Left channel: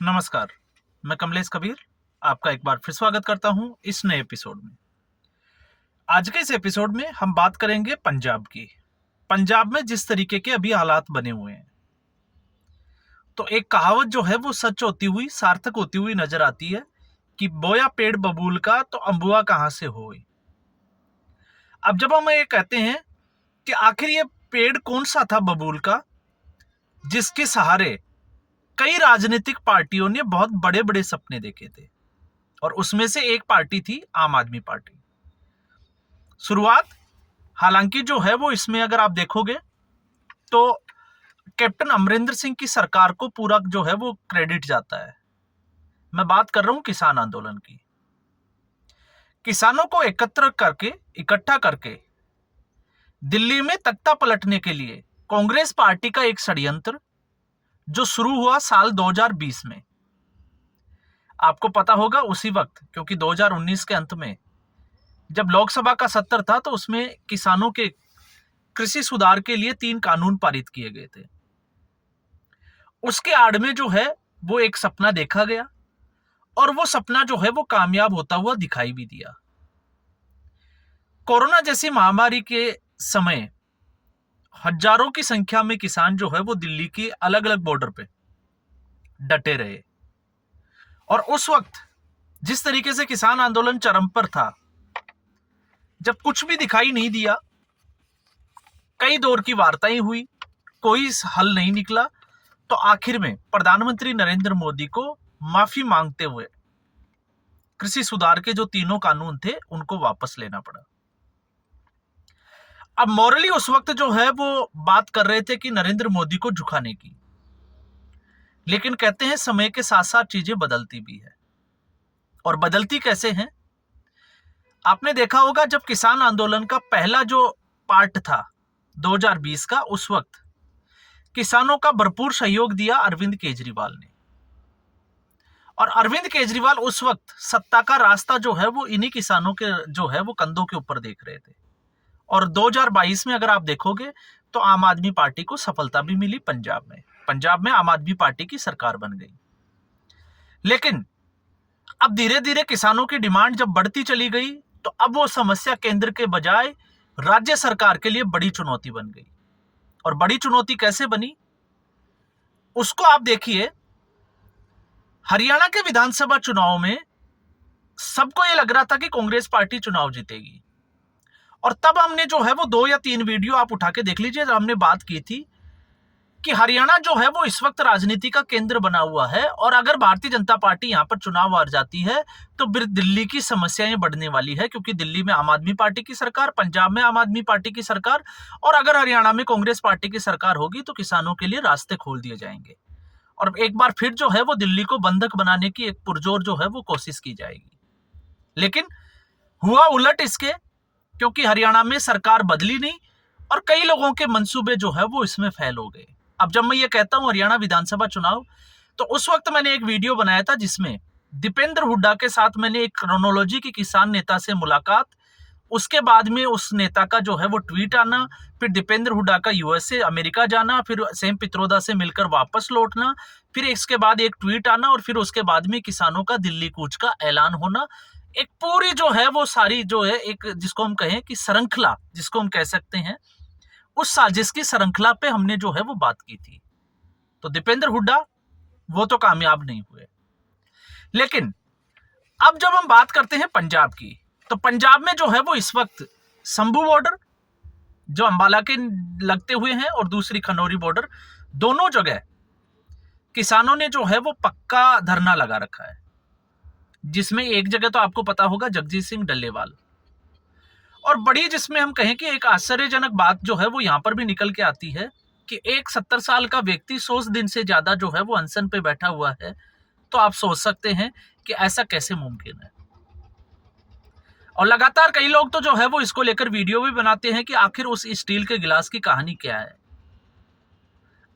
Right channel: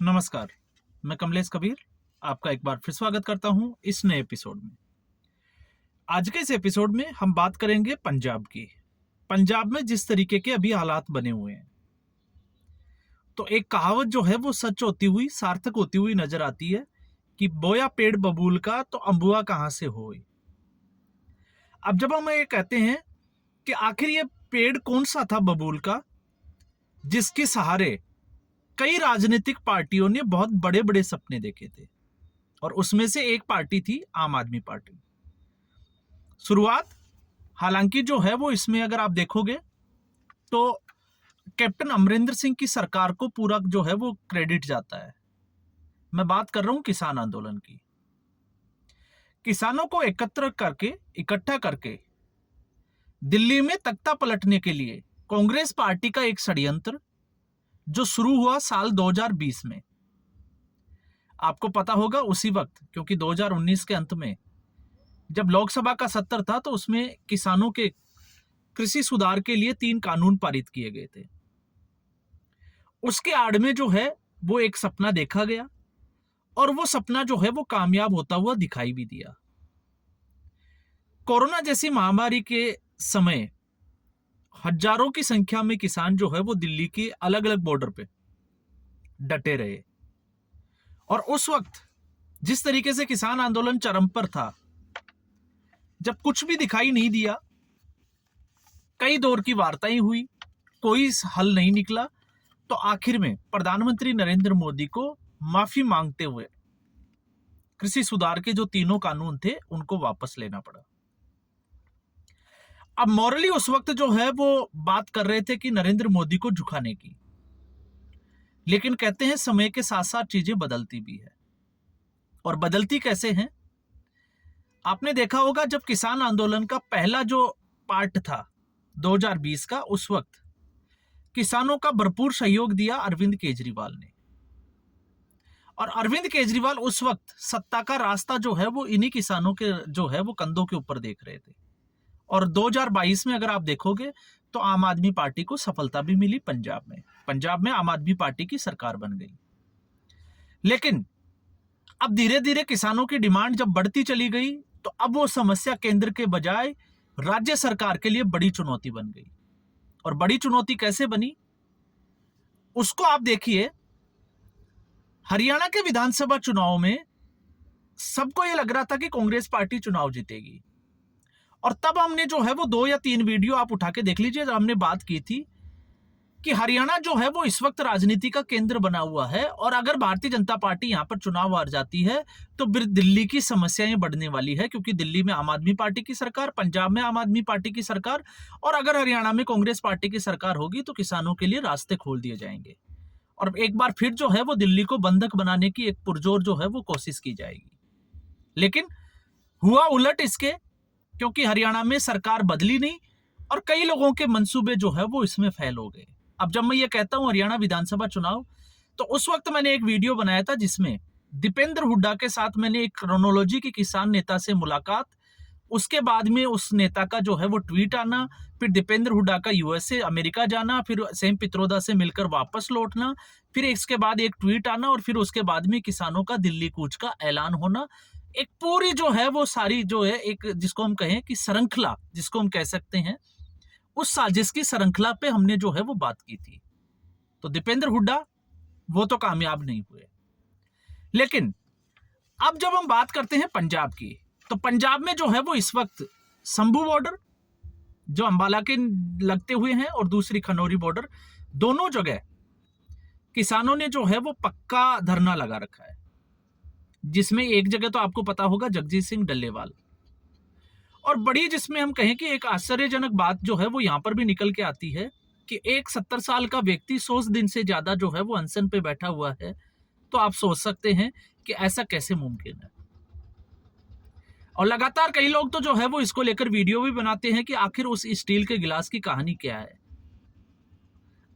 नमस्कार, मैं कमलेश कबीर आपका एक बार फिर स्वागत करता हूं इस नए एपिसोड में। आज के इस एपिसोड में हम बात करेंगे पंजाब की। पंजाब में जिस तरीके के अभी हालात बने हुए हैं, तो एक कहावत जो है वो सच होती हुई, सार्थक होती हुई नजर आती है कि बोया पेड़ बबूल का तो अम्बुआ कहां से होए। अब जब हम ये कहते हैं कि आखिर ये पेड़ कौन सा था बबूल का, जिसके सहारे कई राजनीतिक पार्टियों ने बहुत बड़े बड़े सपने देखे थे, और उसमें से एक पार्टी थी आम आदमी पार्टी। शुरुआत हालांकि जो है वो इसमें अगर आप देखोगे तो कैप्टन अमरिंदर सिंह की सरकार को पूरा जो है वो क्रेडिट जाता है। मैं बात कर रहा हूं किसान आंदोलन की। किसानों को इकट्ठा करके दिल्ली में तख्ता पलटने के लिए कांग्रेस पार्टी का एक षड्यंत्र जो शुरू हुआ साल 2020 में। आपको पता होगा उसी वक्त, क्योंकि 2019 के अंत में जब लोकसभा का सत्र था तो उसमें किसानों के कृषि सुधार के लिए 3 कानून पारित किए गए थे। उसके आड़ में जो है वो एक सपना देखा गया, और वो सपना जो है वो कामयाब होता हुआ दिखाई भी दिया। कोरोना जैसी महामारी के समय हजारों की संख्या में किसान जो है वो दिल्ली के अलग अलग बॉर्डर पे डटे रहे, और उस वक्त जिस तरीके से किसान आंदोलन चरम पर था, जब कुछ भी दिखाई नहीं दिया, कई दौर की वार्ताएं हुई, कोई हल नहीं निकला, तो आखिर में प्रधानमंत्री नरेंद्र मोदी को माफी मांगते हुए कृषि सुधार के जो 3 कानून थे उनको वापस लेना पड़ा। अब मॉरली उस वक्त जो है वो बात कर रहे थे कि नरेंद्र मोदी को झुकाने की, लेकिन कहते हैं समय के साथ साथ चीजें बदलती भी है। और बदलती कैसे हैं? आपने देखा होगा जब किसान आंदोलन का पहला जो पार्ट था 2020 का, उस वक्त किसानों का भरपूर सहयोग दिया अरविंद केजरीवाल ने। और अरविंद केजरीवाल उस वक्त सत्ता का रास्ता जो है वो इन्हीं किसानों के जो है वो कंधों के ऊपर देख रहे थे। और 2022 में अगर आप देखोगे तो आम आदमी पार्टी को सफलता भी मिली पंजाब में आम आदमी पार्टी की सरकार बन गई। लेकिन अब धीरे धीरे किसानों की डिमांड जब बढ़ती चली गई, तो अब वो समस्या केंद्र के बजाय राज्य सरकार के लिए बड़ी चुनौती बन गई। और बड़ी चुनौती कैसे बनी उसको आप देखिए। हरियाणा के विधानसभा चुनाव में सबको यह लग रहा था कि कांग्रेस पार्टी चुनाव जीतेगी, और तब हमने जो है वो 2 या 3 वीडियो आप उठा के देख लीजिए, हमने बात की थी कि हरियाणा जो है वो इस वक्त राजनीति का केंद्र बना हुआ है, और अगर भारतीय जनता पार्टी यहां पर चुनाव हार जाती है तो फिर दिल्ली की समस्याएं बढ़ने वाली है, क्योंकि दिल्ली में आम आदमी पार्टी की सरकार, पंजाब में आम आदमी पार्टी की सरकार, और अगर हरियाणा में कांग्रेस पार्टी की सरकार होगी तो किसानों के लिए रास्ते खोल दिए जाएंगे, और एक बार फिर जो है वो दिल्ली को बंधक बनाने की एक पुरजोर जो है वो कोशिश की जाएगी। लेकिन हुआ उलट इसके, क्योंकि हरियाणा में सरकार बदली नहीं, और कई लोगों के मंसूबे जो है वो इसमें फेल हो गए। अब जब मैं ये कहता हूं हरियाणा विधानसभा चुनाव, तो उस वक्त मैंने एक वीडियो बनाया था जिसमें दीपेंद्र हुड्डा के साथ मैंने एक क्रोनोलॉजी की किसान नेता से मुलाकात, उसके बाद में उस नेता का जो है वो ट्वीट आना, फिर दीपेंद्र हुड्डा का यूएसए अमेरिका जाना, फिर सेम पित्रोदा से मिलकर वापस लौटना, फिर इसके बाद एक ट्वीट आना, और फिर उसके बाद में किसानों का दिल्ली कूच का ऐलान होना। एक पूरी जो है वो सारी जो है एक जिसको हम कहें कि श्रृंखला, जिसको हम कह सकते हैं, उस साजिश की श्रृंखला पे हमने जो है वो बात की थी। तो दीपेंद्र हुड्डा वो तो कामयाब नहीं हुए। लेकिन अब जब हम बात करते हैं पंजाब की, तो पंजाब में जो है वो इस वक्त संभू बॉर्डर जो अंबाला के लगते हुए हैं, और दूसरी खनौरी बॉर्डर, दोनों जगह किसानों ने जो है वो पक्का धरना लगा रखा है, जिसमें एक जगह तो आपको पता होगा जगजीत सिंह डल्लेवाल। और बड़ी जिसमें हम कहें कि एक आश्चर्यजनक बात जो है वो यहां पर भी निकल के आती है कि एक 70 साल का व्यक्ति 100 दिन से ज्यादा जो है वो अनशन पे बैठा हुआ है। तो आप सोच सकते हैं कि ऐसा कैसे मुमकिन है। और लगातार कई लोग तो जो है वो इसको लेकर वीडियो भी बनाते हैं कि आखिर उस स्टील के गिलास की कहानी क्या है,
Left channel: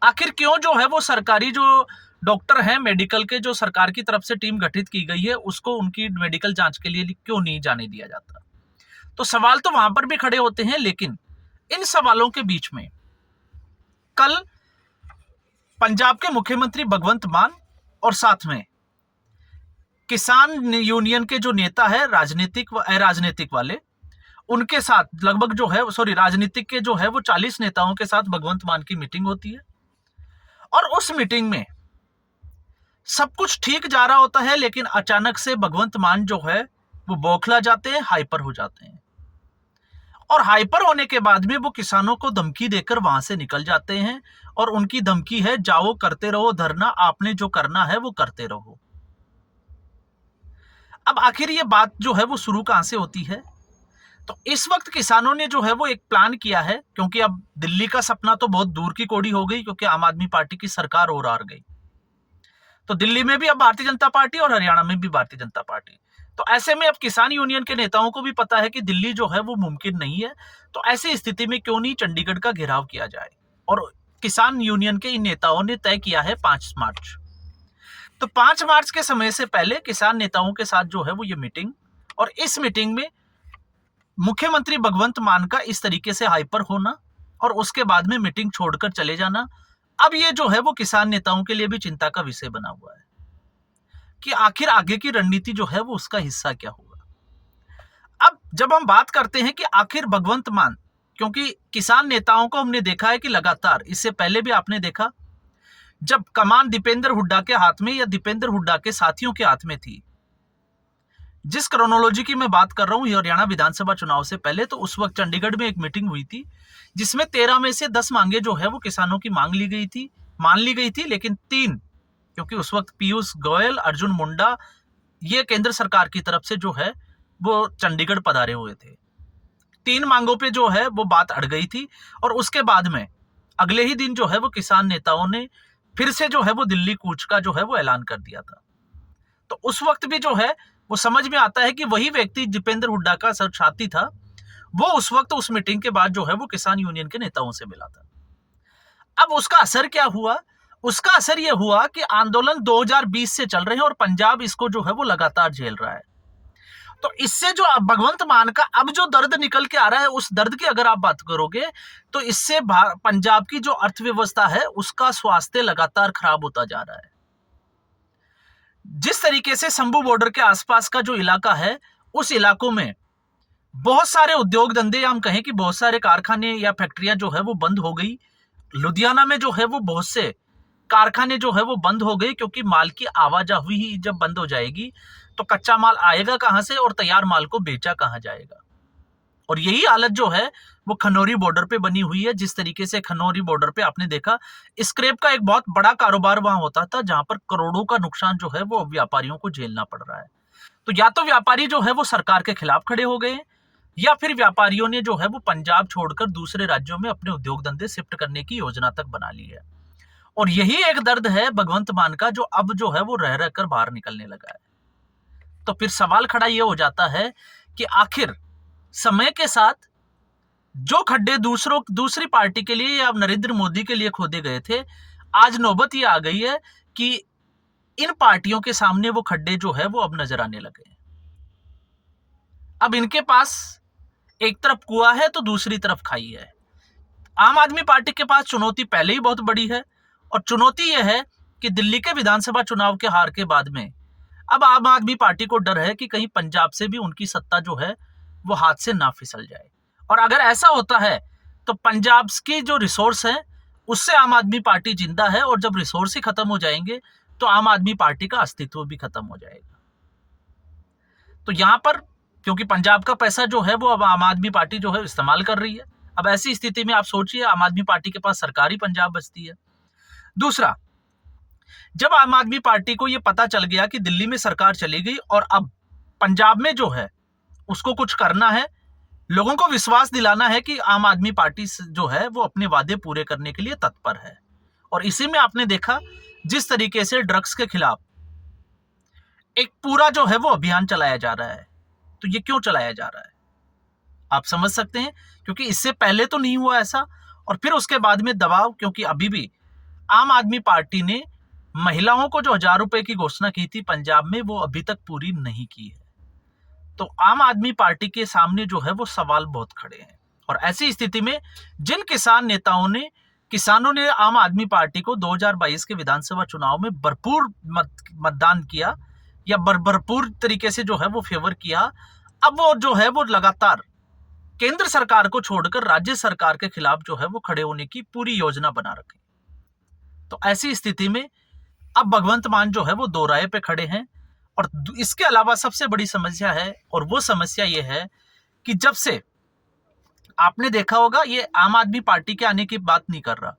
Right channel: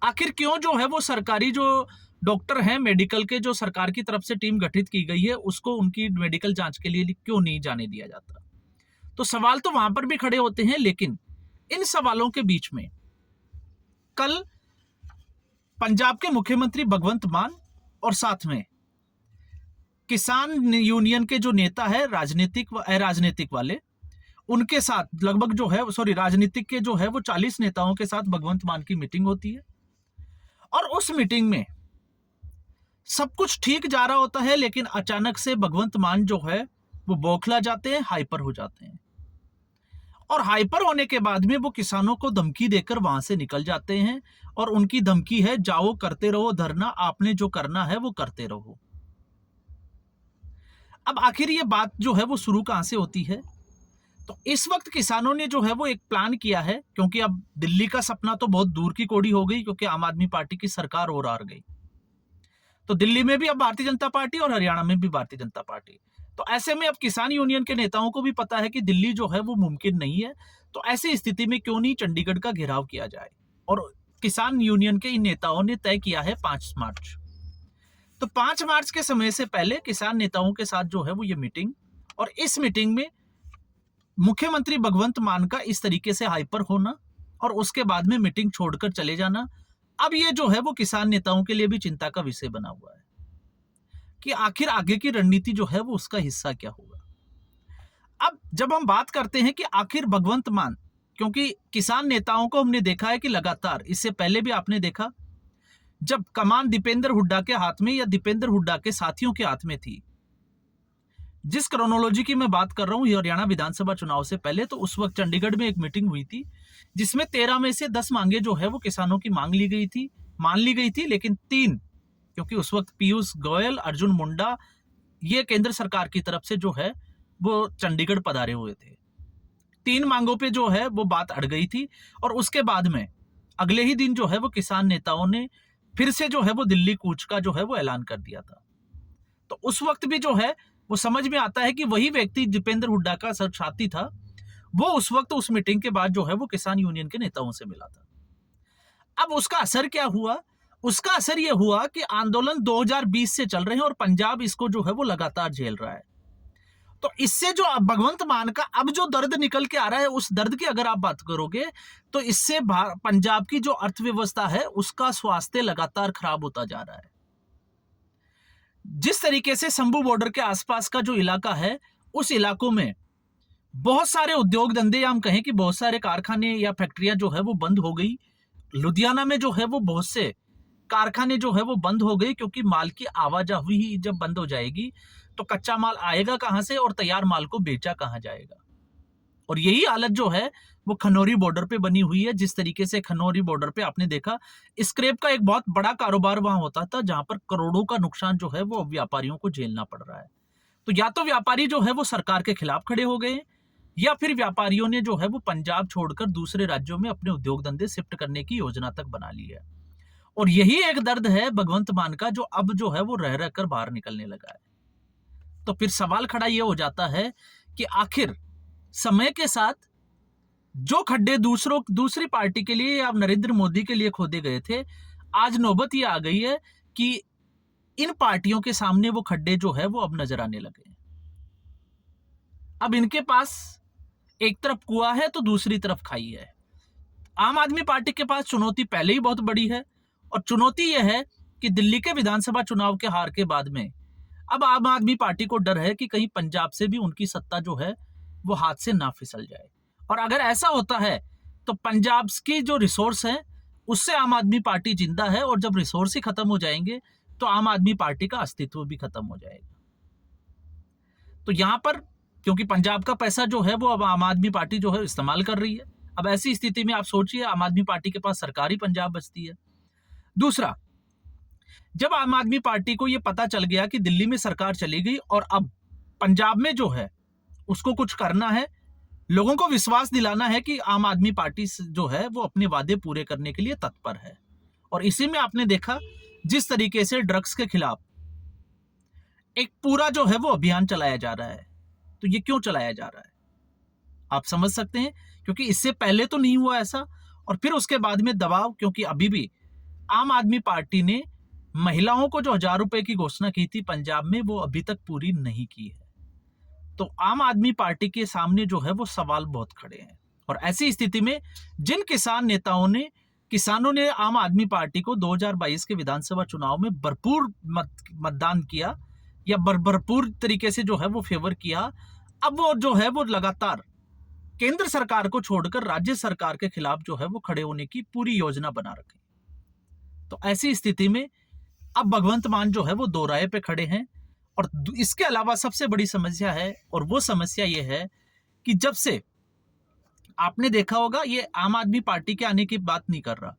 आखिर क्यों जो है वो सरकारी जो डॉक्टर हैं, मेडिकल के जो सरकार की तरफ से टीम गठित की गई है, उसको उनकी मेडिकल जांच के लिए क्यों नहीं जाने दिया जाता। तो सवाल तो वहां पर भी खड़े होते हैं। लेकिन इन सवालों के बीच में कल पंजाब के मुख्यमंत्री भगवंत मान और साथ में किसान यूनियन के जो नेता है राजनीतिक व अराजनीतिक वाले, उनके साथ लगभग जो है राजनीतिक के जो है वो 40 नेताओं के साथ भगवंत मान की मीटिंग होती है। और उस मीटिंग में सब कुछ ठीक जा रहा होता है, लेकिन अचानक से भगवंत मान जो है वो बौखला जाते हैं, हाइपर हो जाते हैं। और हाइपर होने के बाद में वो किसानों को धमकी देकर वहां से निकल जाते हैं, और उनकी धमकी है जाओ करते रहो धरना, आपने जो करना है वो करते रहो। अब आखिर ये बात जो है वो शुरू कहां से होती है? तो इस वक्त किसानों ने जो है वो एक प्लान किया है, क्योंकि अब दिल्ली का सपना तो बहुत दूर की कौड़ी हो गई, क्योंकि आम आदमी पार्टी की सरकार और हार गई। तो दिल्ली में भी अब भारतीय जनता पार्टी और हरियाणा में भी भारतीय जनता पार्टी। तो ऐसे में अब किसान यूनियन के नेताओं को भी पता है कि दिल्ली जो है वो मुमकिन नहीं है, तो ऐसी स्थिति में क्यों नहीं चंडीगढ़ का घेराव किया जाए। और किसान यूनियन के इन नेताओं ने तय किया है 5 मार्च। तो 5 मार्च के समय से पहले किसान नेताओं के साथ जो है वो ये मीटिंग, और इस मीटिंग में मुख्यमंत्री भगवंत मान का इस तरीके से हाइपर होना और उसके बाद में मीटिंग छोड़कर चले जाना, अब ये जो है वो किसान नेताओं के लिए भी चिंता का विषय बना हुआ है कि आखिर आगे की रणनीति जो है वो उसका हिस्सा क्या होगा। अब जब हम बात करते हैं कि आखिर भगवंत मान, क्योंकि किसान नेताओं को हमने देखा है कि लगातार, इससे पहले भी आपने देखा, जब कमान दीपेंद्र हुड्डा के हाथ में या दीपेंद्र हुड्डा के साथियों के हाथ में थी, जिस क्रोनोलॉजी की मैं बात कर रहा हूं हरियाणा विधानसभा चुनाव से पहले, तो उस वक्त चंडीगढ़ में एक मीटिंग हुई थी जिसमें 13 में से 10 मांगे जो है वो किसानों की मान ली गई थी, लेकिन 3, क्योंकि उस वक्त पीयूष गोयल, अर्जुन मुंडा, ये केंद्र सरकार की तरफ से जो है वो चंडीगढ़ पधारे हुए थे, 3 मांगों पे जो है वो बात अड़ गई थी। और उसके बाद में अगले ही दिन जो है वो किसान नेताओं ने फिर से जो है वो दिल्ली कूच का जो है वो ऐलान कर दिया था। तो उस वक्त भी जो है वो समझ में आता है कि वही व्यक्ति दीपेंद्र हुड्डा का साथी था, वो उस वक्त उस मीटिंग के बाद जो है वो किसान यूनियन के नेताओं से मिला था। अब उसका असर क्या हुआ? उसका असर यह हुआ कि आंदोलन 2020 से चल रहे हैं और पंजाब इसको जो है वो लगातार झेल रहा है। तो इससे जो भगवंत मान का अब जो दर्द निकल के आ रहा है, उस दर्द की अगर आप बात करोगे तो इससे पंजाब की जो अर्थव्यवस्था है उसका स्वास्थ्य लगातार खराब होता जा रहा है। जिस तरीके से शंभू बॉर्डर के आसपास का जो इलाका है, उस इलाकों में बहुत सारे उद्योग धंधे, हम कहें कि बहुत सारे कारखाने या फैक्ट्रियां जो है वो बंद हो गई। लुधियाना में जो है वो बहुत से कारखाने जो है वो बंद हो गए, क्योंकि माल की आवाजाही ही जब बंद हो जाएगी तो कच्चा माल आएगा कहां से और तैयार माल को बेचा कहां जाएगा। और यही हालत जो है वो खनौरी बॉर्डर पे बनी हुई है। जिस तरीके से खनौरी बॉर्डर पे आपने देखा, स्क्रैप का एक बहुत बड़ा कारोबार वहां होता था, जहां पर करोड़ों का नुकसान जो है वो व्यापारियों को झेलना पड़ रहा है। तो या तो व्यापारी जो है वो सरकार के खिलाफ खड़े हो गए, या फिर व्यापारियों ने जो है वो पंजाब छोड़कर दूसरे राज्यों में अपने उद्योग धंधे शिफ्ट करने की योजना तक बना ली है। और यही एक दर्द है भगवंत मान का, जो अब जो है वो रह रहकर बाहर निकलने लगा है। तो फिर सवाल खड़ा यह हो जाता है कि आखिर समय के साथ जो खड्डे दूसरी पार्टी के लिए या नरेंद्र मोदी के लिए खोदे गए थे, आज नौबत ये आ गई है कि इन पार्टियों के सामने वो खड्डे जो है वो अब नजर आने लगे हैं। अब इनके पास एक तरफ कुआं है तो दूसरी तरफ खाई है। आम आदमी पार्टी के पास चुनौती पहले ही बहुत बड़ी है, और चुनौती यह है कि दिल्ली के विधानसभा चुनाव के हार के बाद में अब आम आदमी पार्टी को डर है कि कहीं पंजाब से भी उनकी सत्ता जो है वो हाथ से ना फिसल जाए। और अगर ऐसा होता है तो पंजाब की जो रिसोर्स है उससे आम आदमी पार्टी जिंदा है, और जब रिसोर्स ही खत्म हो जाएंगे तो आम आदमी पार्टी का अस्तित्व भी खत्म हो जाएगा। तो यहां पर क्योंकि पंजाब का पैसा जो है वो अब आम आदमी पार्टी जो है इस्तेमाल कर रही है, अब ऐसी स्थिति में आप सोचिए आम आदमी पार्टी के पास सरकारी पंजाब बचती है। दूसरा, जब आम आदमी पार्टी को यह पता चल गया कि दिल्ली में सरकार चली गई और अब पंजाब में जो है उसको कुछ करना है, लोगों को विश्वास दिलाना है कि आम आदमी पार्टी जो है वो अपने वादे पूरे करने के लिए तत्पर है। और इसी में आपने देखा जिस तरीके से ड्रग्स के खिलाफ एक पूरा जो है वो अभियान चलाया जा रहा है। तो ये क्यों चलाया जा रहा है आप समझ सकते हैं, क्योंकि इससे पहले तो नहीं हुआ ऐसा, और फिर उसके बाद में दबाव, क्योंकि अभी भी आम आदमी पार्टी ने महिलाओं को जो 1000 रुपए की घोषणा की थी पंजाब में, वो अभी तक पूरी नहीं की है। तो आम आदमी पार्टी के सामने जो है वो सवाल बहुत खड़े हैं। और ऐसी स्थिति में जिन किसान नेताओं ने किसानों ने आम आदमी पार्टी को 2022 के विधानसभा चुनाव में भरपूर मतदान किया या भरपूर तरीके से जो है वो फेवर किया। अब वो जो है वो लगातार केंद्र सरकार को छोड़कर राज्य सरकार के खिलाफ जो है वो खड़े होने की पूरी योजना बना रखी। तो ऐसी स्थिति में अब भगवंत मान जो है वो दो राय पे खड़े हैं। और इसके अलावा सबसे बड़ी समस्या है, और वो समस्या ये है कि जब से आपने देखा होगा, ये आम आदमी पार्टी के आने की बात नहीं कर रहा,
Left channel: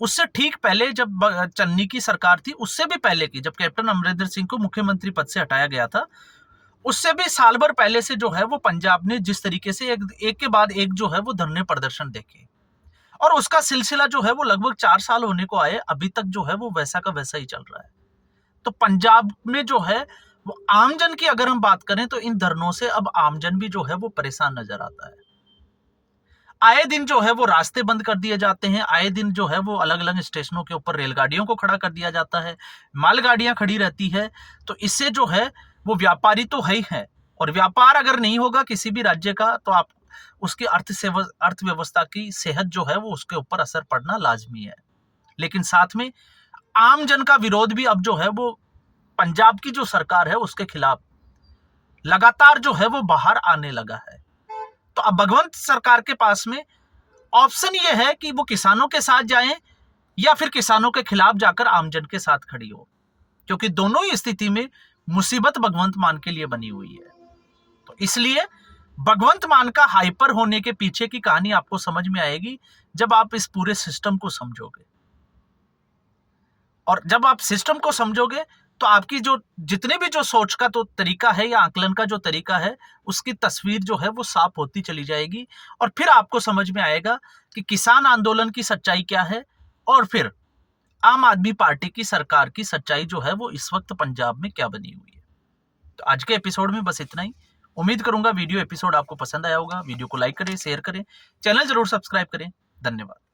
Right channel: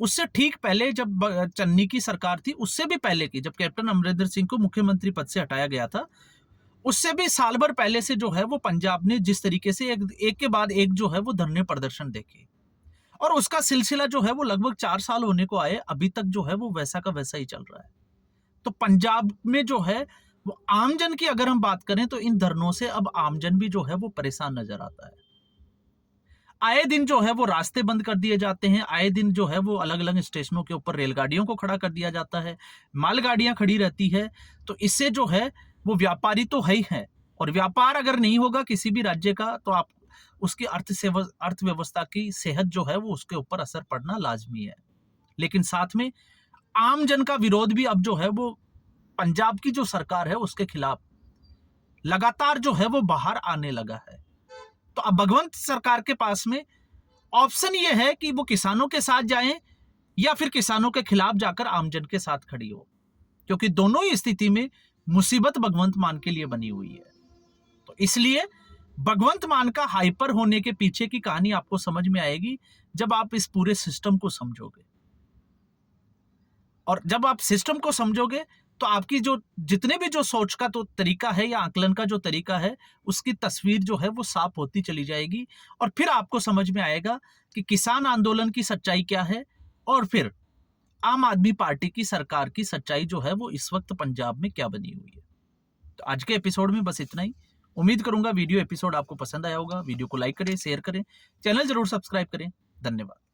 उससे ठीक पहले जब चन्नी की सरकार थी, उससे भी पहले की, जब कैप्टन अमरिंदर सिंह को मुख्यमंत्री पद से हटाया गया था, उससे भी साल भर पहले से जो है वो पंजाब ने जिस तरीके से एक के बाद एक जो है वो धरने प्रदर्शन देखे, और उसका सिलसिला जो है वो लगभग 4 साल होने को आए, अभी तक जो है वो वैसा का वैसा ही चल रहा है। तो पंजाब में जो है वो आमजन की अगर हम बात करें तो इन धरनों से अब आमजन भी जो है वो परेशान नजर आता है। आए दिन जो है वो रास्ते बंद कर दिए जाते हैं, आए दिन जो है वो अलग अलग स्टेशनों के ऊपर रेलगाड़ियों को खड़ा कर दिया जाता है, मालगाड़ियां खड़ी रहती है। तो इससे जो है वो व्यापारी तो है ही है, और व्यापार अगर नहीं होगा किसी भी राज्य का तो आप उसकी अर्थव्यवस्था की सेहत जो है वो उसके ऊपर असर पड़ना लाजमी है। लेकिन साथ में आम जन का विरोध भी अब जो है वो पंजाब की जो सरकार है उसके खिलाफ लगातार जो है वो बाहर आने लगा है। तो अब भगवंत सरकार के पास में ऑप्शन ये है कि वो किसानों के साथ जाएं या फिर किसानों के खिलाफ जाकर आमजन के साथ खड़ी हो, क्योंकि दोनों ही स्थिति में मुसीबत भगवंत मान के लिए बनी हुई है। तो इसलिए भगवंत मान का हाइपर होने के पीछे की कहानी आपको समझ में आएगी जब आप इस पूरे सिस्टम को समझोगे। और जब आप सिस्टम को समझोगे तो आपकी जो जितने भी जो सोच का तो तरीका है या आकलन का जो तरीका है, उसकी तस्वीर जो है वो साफ होती चली जाएगी। और फिर आपको समझ में आएगा कि किसान आंदोलन की सच्चाई क्या है, और फिर आम आदमी पार्टी की सरकार की सच्चाई जो है वो इस वक्त पंजाब में क्या बनी हुई है। तो आज के एपिसोड में बस इतना ही। उम्मीद करूंगा वीडियो एपिसोड आपको पसंद आया होगा। वीडियो को लाइक करें, शेयर करें, चैनल जरूर सब्सक्राइब करें। धन्यवाद।